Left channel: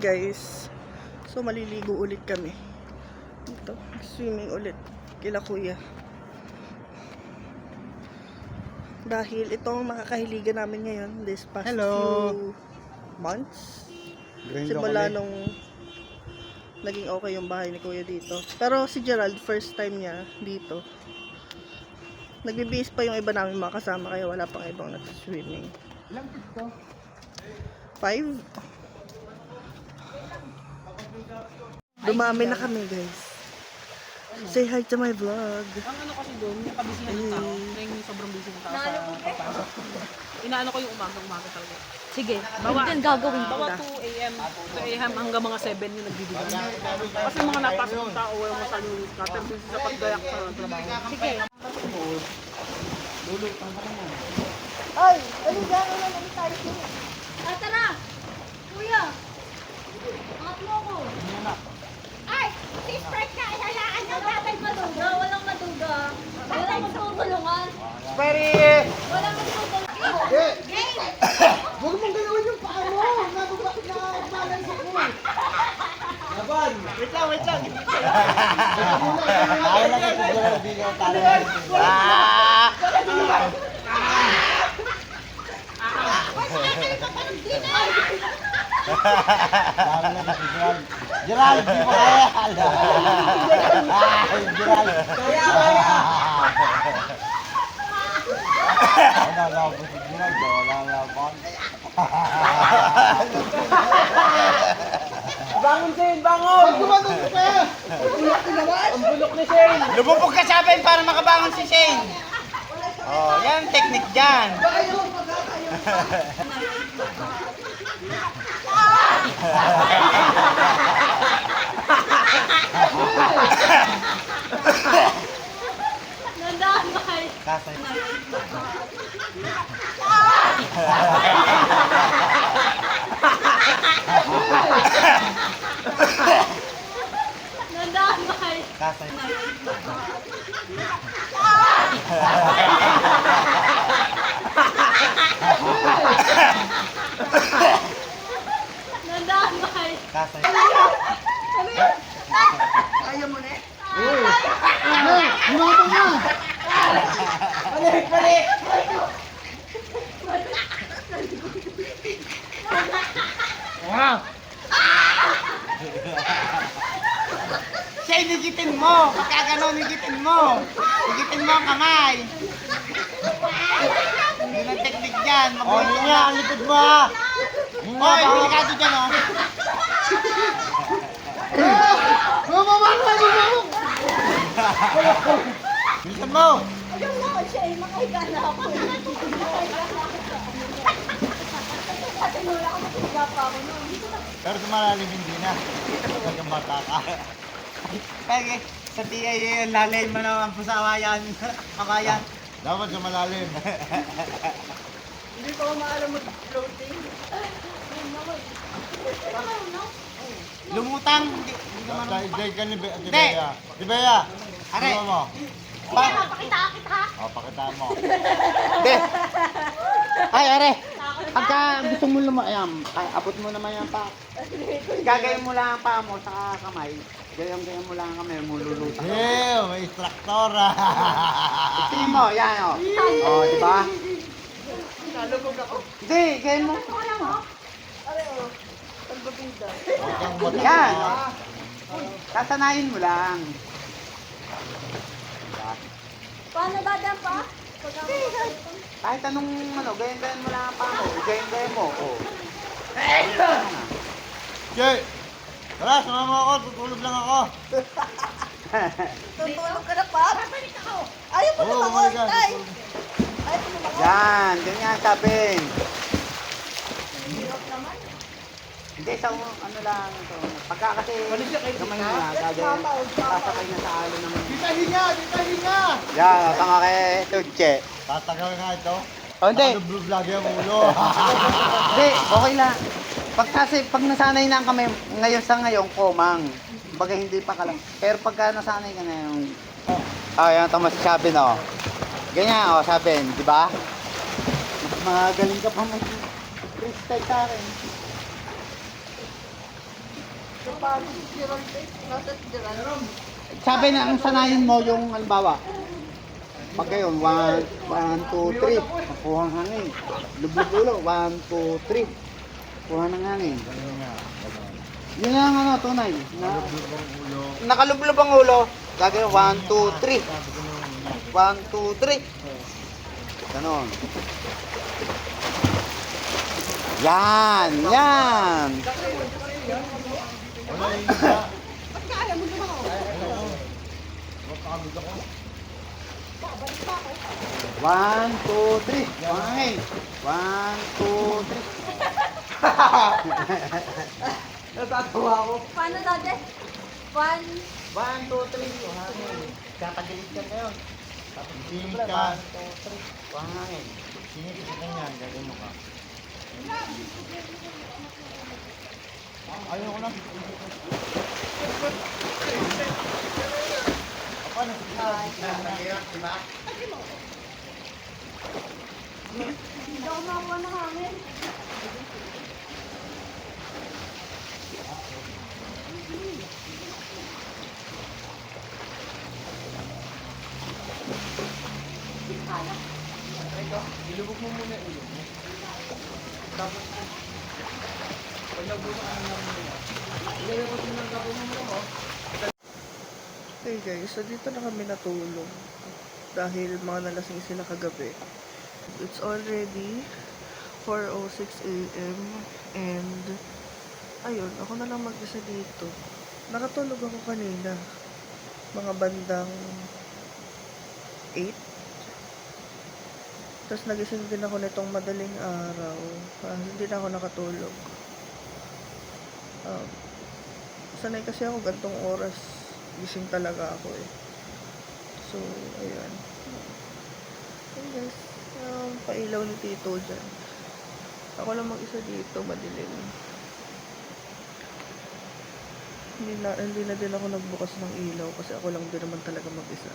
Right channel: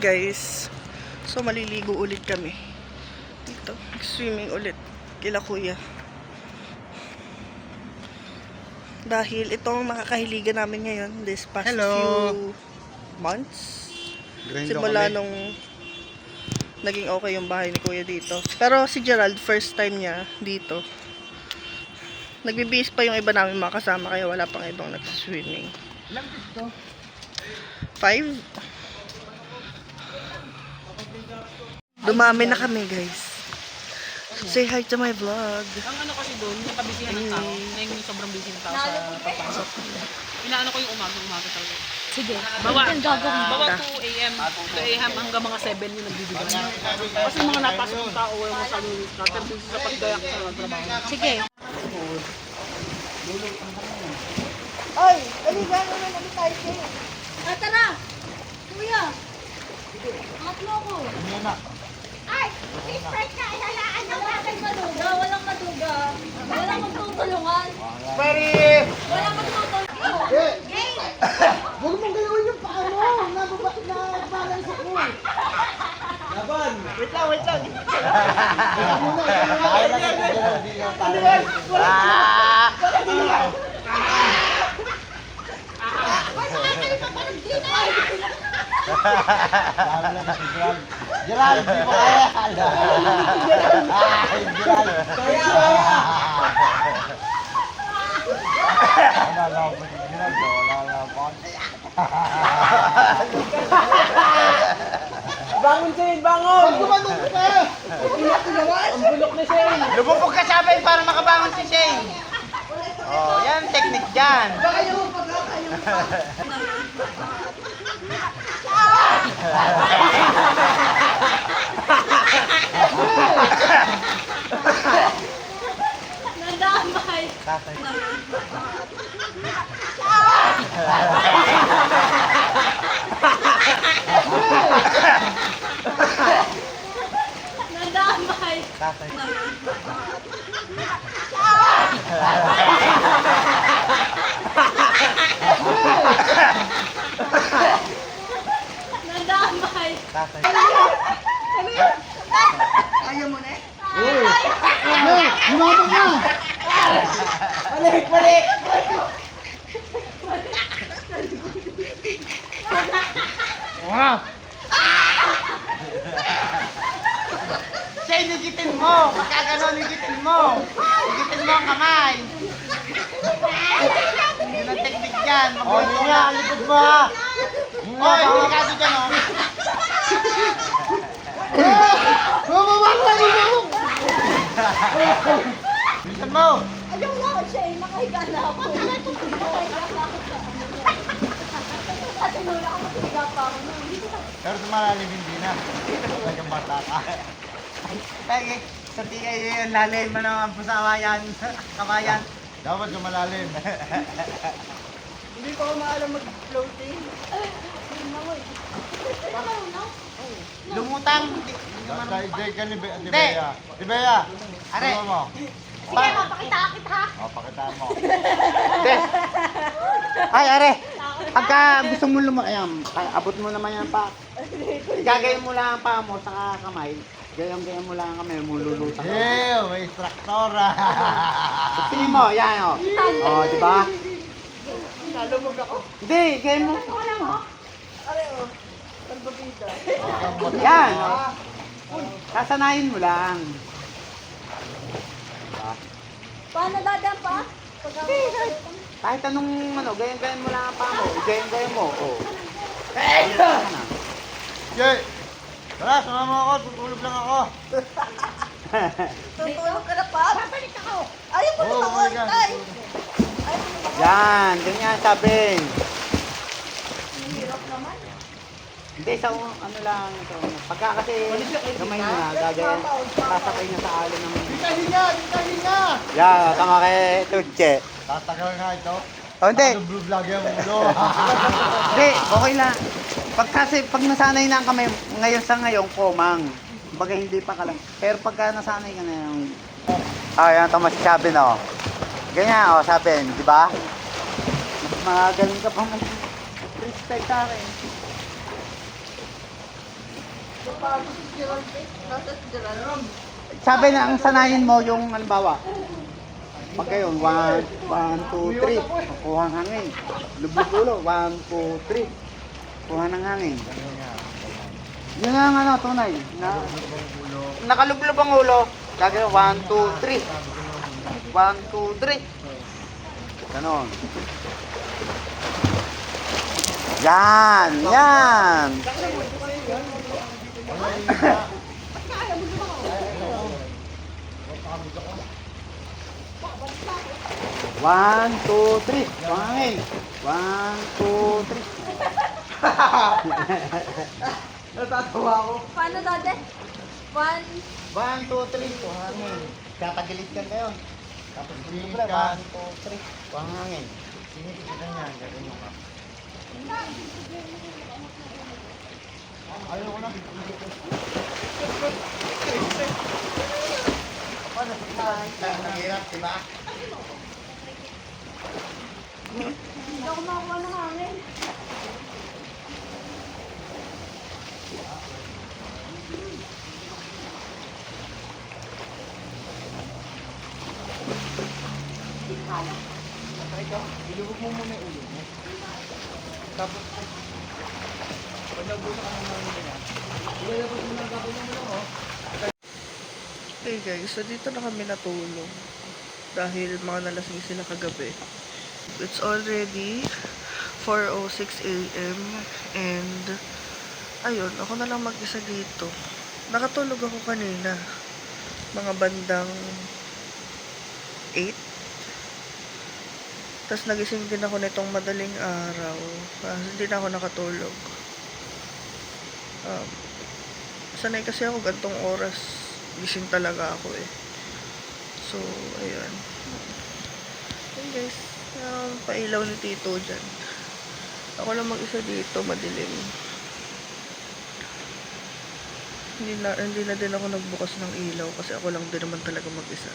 guys. So maliligo ulit kami. Dito, swimming ulit kila kuya. Dahil itong makakahiligan namin ngayon this past few months. Simula nung naging okay yung bahay ni kuya dito. Pero si Gerald, first time niya dito. Nagbibihis pa yung iba namin mga kasama, kaya wala pang ibang nagsiswimming. 5. Dumami na kami guys. So, say hi to my vlog. Ang ano kasi doon, yung kabisihan ng tao, na yung sobrang busy ng tao sa pagpasok. Inaano ko yung umaga tayo. Sige, Bawa 2 a.m. 2 a.m. hanggang mga 7 yung nagbibigan. Kasi mga napasok ng tao, yung mga sabi yung scatter dun sa paggayak sa trabaho. sige. Ay, aligan mo naman tayo siya. Tara! Kuya! Angat mo ako! Ay! Sister ka! Ilalaan mo! Walang maduga! Walang maduga! Walang magtutulungan! Walang magtutulungan! Huwag mong galawin yung paa mo. Nabalance ako. Laban. Wait lang. Ito muna. Ano yan? Wala tulungan. Ba't saka kayo papanog din ay? Gerald, di ba? Kaya! Bangon Shane! Bangon! Gumanon ka. Ang bulok ni Shane! Lububog ka sa akin para makabangon si Shane. Oh, yan ang technique dyan. Nandamay! Nandamay! Nandamay! Ayaw mo na. Lumabog na! Balik! Shane, higitin mo! Kaganon, higitin mo! Higitin mo ang kamay! Yun ang technique dyan! Mabuhay ka! Ang likod mo ha! Hoy, delikado dyan Bilisan mo! Ayaw na ako siya eh, makahiga na ako. Makahiga na ako sa ano. At tinula ako, makahiga pa ako noon. Pero tumalalim hindi na. Huwag bata ka. Pwede, sa TA yun, lalim mo naman po sa kawayan. Dapat sumalalim. Hindi ko maalam mag-floating. Lumutang. Dahil ka ni Bea. Di Bea, ano mo? Sige, mapakita kita. Pakita mo. Hindi. Ay, are. Pagka gusto mo ayan, abot mo naman yan pa. Gagayin mo lang ang paa mo sa kamay. Gayang mo lang ang kamay, mululutan. Ew, may instruktora. Tingin mo, yan o. O, di ba? Nalumog ako. Hindi, gayin mo. Are o. Talbabida. Yan. Kasanayin mo lang. Paano dadaan pa? Kahit anong gayin mo lang ang paa mo. Gayin mo. O. Jay! Tara, sama mo ako. Tutulog lang ako. Tutulog ka na pa? Babalik ako. Ayaw mo tumakot, tay. Ayaw mo tumakot. Yan, ganyan sabi. Hindi, sa ano lang ito. Pagka kasi Walis siya kay gamay Tita. na, gagawin. Sasakay na sa alon naman. Dita hinga! Yeah, tama kay Tudje. Tatagal nga ito. Oh, hindi. Vlog yan, hindi, okay lang. Pag nasanay na kami, ngayon komang. Baga hindi pa ka lang. Pero pagka nasanay ka na yung... yan, tama si Sabin, oh. Ganyan, Sabin, di ba? Magaling ka pa mag-freestyle sa akin. Napagod si Gerald eh. Nasa si Gerald. Sabi na, ang sanayin mo yung halimbawa. Pag kayo, 1, 2, 3. Kuha ng hangin. Lublog ulo. 1, 2, 3. Kuha ng hangin. Yun ang ano, tunay. Nakalublob ang ulo. Gagawin 1, 2, 3. 1, 2, 3. Ganon. Yan! Yan! One, two, three. Wangin. 1, 2, 3. Natatawa ako. Paano dati? 1, 1, 2, 3. Wangin. Kakagilid ka kayo. Tapos singit ka. 1, 2, 3. Wangin. Singit ka yan. Gagawin mo. Ayaw ko na. Nahirap, diba? hindi ako makakuha ng hangin. Ilubog mo muna yung ulo mo. Tapos, pag nabusa ka ng hangin nila, ilalabas mo ng kapit ng ulo mo. Hey guys, so dito na kami natulog. Dahil mga nalasing sila kagabi. It's already 4:06 AM and ayun, ako na lang mag-isa dito. Nakatulog ako kanina. Mga bandang 8. Tapos nagising din ako nitong madaling araw. Hindi na ako nakatulog. Sanay kasi ako gantong oras. Gising talaga ako eh. So, ayan. Ayan guys. Pailaw ni Tito dyan. Ako lang mag-isa dito, madilim. Hindi na din ako nagbukas ng ilaw kasi ako lang din naman talaga mag-isa.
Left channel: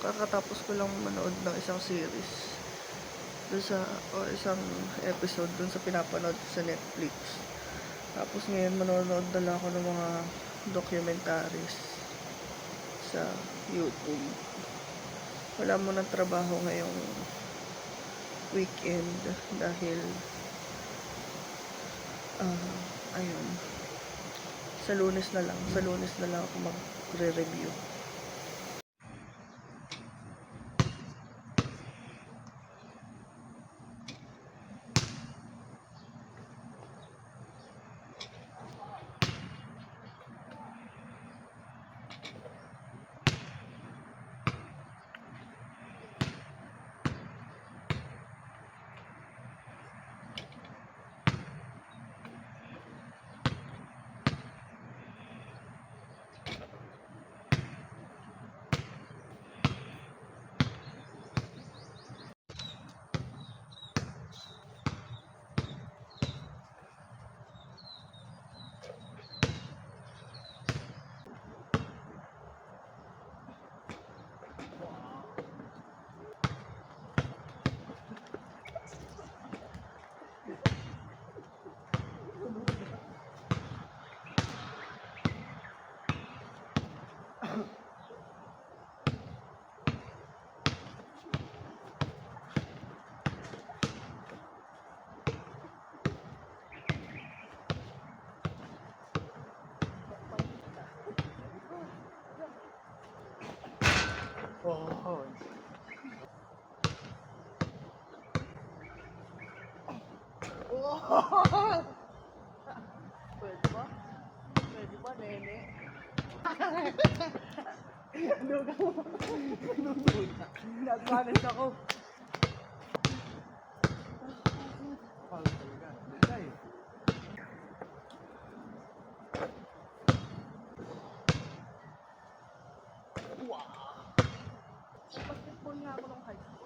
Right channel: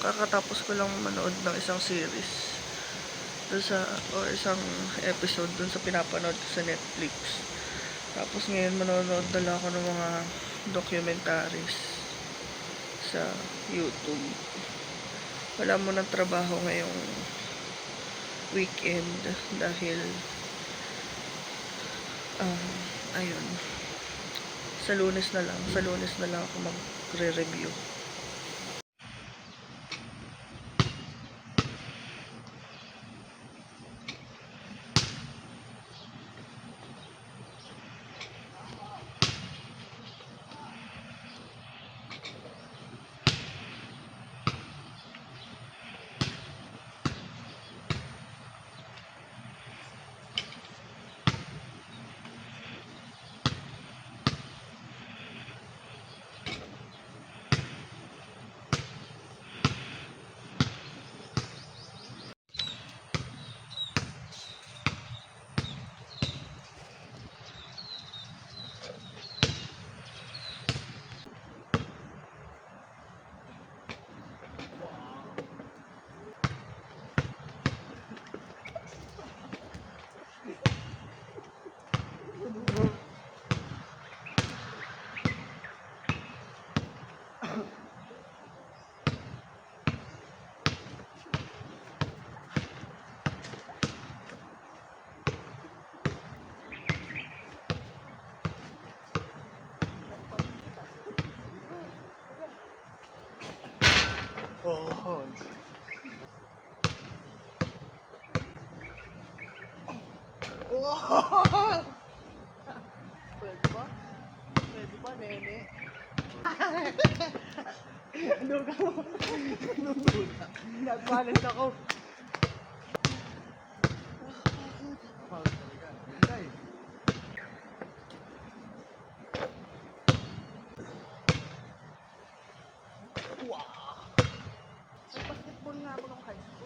Kakatapos ko lang manood ng isang series. Isang episode dun sa pinapanood ko sa Netflix. Tapos ngayon manonood na lang ako ng mga documentaries sa YouTube. Wala mo ng trabaho ngayong weekend dahil ayun, sa Lunes na lang ako magre-review. Oh. Pwede ba? Pwede ba, nene? Ano ka mo? Nagpalit ako. Pagod talaga. Ganda eh. Wow! Nag-basketball nga ako nung high school.